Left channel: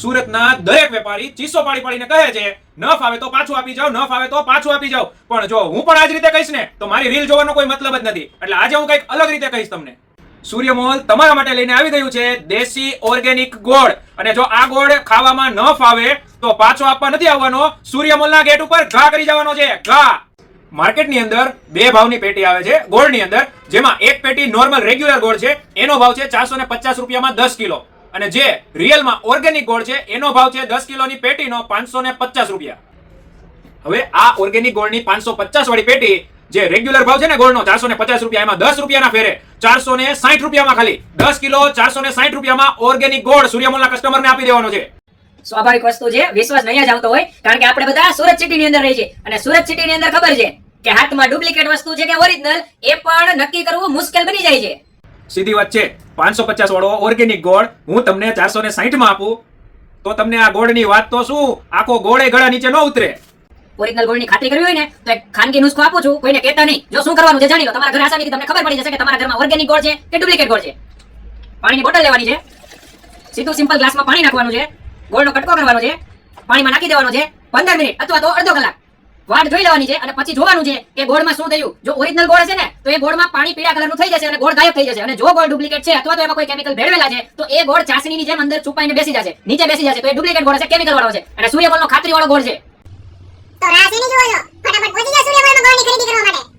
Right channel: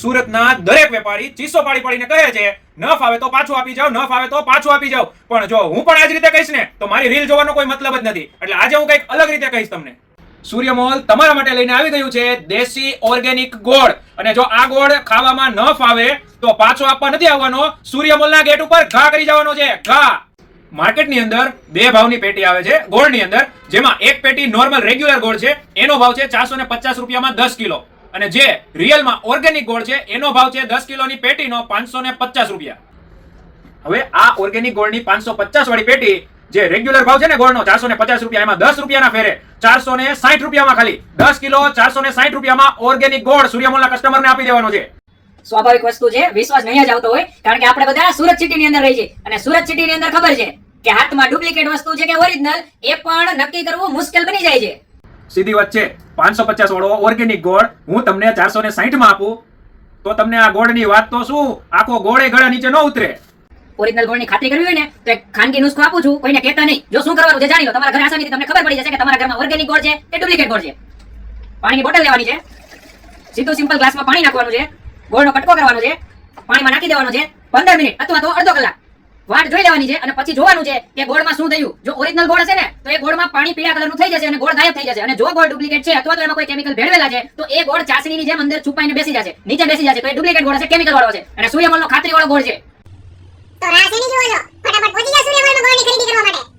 સુરતના દરેક વેપારી ચીસો પાડી પાડીને કહે છે ન ફાવે તો પાછું આપી જાવ, ન ફાવે તો પાછું આપી જાવ. પણ જો હું પણ આ જ રીતે કહીશ ને તો મારી રીલ જોવાનો કોઈ મતલબ જ નથી. એટલે આજે હું કંઈક અલગ રીતે કહીશ તમને. સૂર્યમોલ તમારા માટે લઈને આવી ગયું છે દેશી ઓર્ગેનિક ગોળ. અને જો આ ગોળ ખાવામાં ન ફાવે તો પાછો આપવા નથી આવવાનો. સૂર્યમોલના ગેટ ઉપર ઘા કરી જવાનો છે, ઘા. માર્કેટની અંદર બે ભાવની પેટી આવે છે ગોળની અંદર, જેમાં એક પેટી નોર્મલ રેગ્યુલર ગોળ છે, એનો ભાવ છે 450 રૂપિયામાં 10 કિલો. અને જે રિયલમાં ઓર્ગેનિક ગોળ છે એનો ભાવ છે 10 કિલોની પેટીનો 550 રૂપિયા. હવે આ ઓર્ગેનિક ગોળની 550 વાળી પેટી જે રેગ્યુલર ભાવ છે ને ગોળનો 450 રૂપિયા, એમાં 10 રૂપિયાના ફેરે 460 રૂપિયામાં ખાલી 10 કિલો 460 રૂપિયામાં ઓર્ગેનિક ગોળ સૂર્યમોલના કસ્ટમરને આપી દેવાનો છે. સ્વાભાવિક વસ્તુ છે, વિશ્વાસ નહીં જ આવતો હોય, કારણ કે આપણે બધા સુરત સિટીની અંદર રહી છે અને સુરત સિટીની અંદર ખબર છે કે હાથમાં ડુપ્લિકેટ વસ્તુ છે કે ઓરિજિનલ એ પણ નક્કી કરવું મુશ્કેલ બની જાય છે. સીધી વાત છે. 550 વાળો ઓર્ગેનિક ગોળ હું તમને 460 માં આપું તો તમને આ ગોળની વાત તો શું, આખો ગોળે ગળા નીચે ન ઉતરે. ઓરિજિનલ ગોળની ખાતરી કરવી હોય ને તો એક ખાનગી નુસ્ખો આપું છું, કોઈને કહેતા નહીં. જો શું કરવાનું છે જાણી લો. તમારા ઘરે આસાનીથી તમને ખબર પડી જશે કે તમારા ઘરમાં ઓર્ગેનિક ગોળ છે કે ડુપ્લિકેટ ગોળ છે. પાણીની બોટલ લેવાની છે, સીધું સિમ્પલ ગ્લાસમાં પાણી નાખવાનું છે, ગોળનો કટકો કરવાનો છે, પાણીમાં નાખી દેવાનો છે, 15 મિનિટ અથવા તો અડધો કલાક વાટ જોઈ લેવાની છે અને પછી જોવાનું છે કે ગોળમાં શું થયું. જો ઓરિજિનલ ગોળ છે ને તો એ ગોળમાં પાણી પીળા કલરનું થઈ જશે અને ગોળ ગાયબ થઈ જશે. અને જો ગોળ ડુપ્લિકેટ છે અથવા તો એમાં કોઈ કેમિકલ ભેળવેલા છે તો એ ગોળ ચાસણીની જેમ અંદર છુપાઈને બેસી જશે, નીચે બેસી જશે. તો એ ડુપ્લિકેટ ગોળ છે, કેમિકલ વાળો છે. અને સૂર્યમોલનો ખાતરી વાળો ગોળ છે. તો રાહ શેની જુઓ છો? ફટાફટ પહોંચી જાઓ સૂર્યમોલમાં ગોળની ખરીદી કરવા માટે.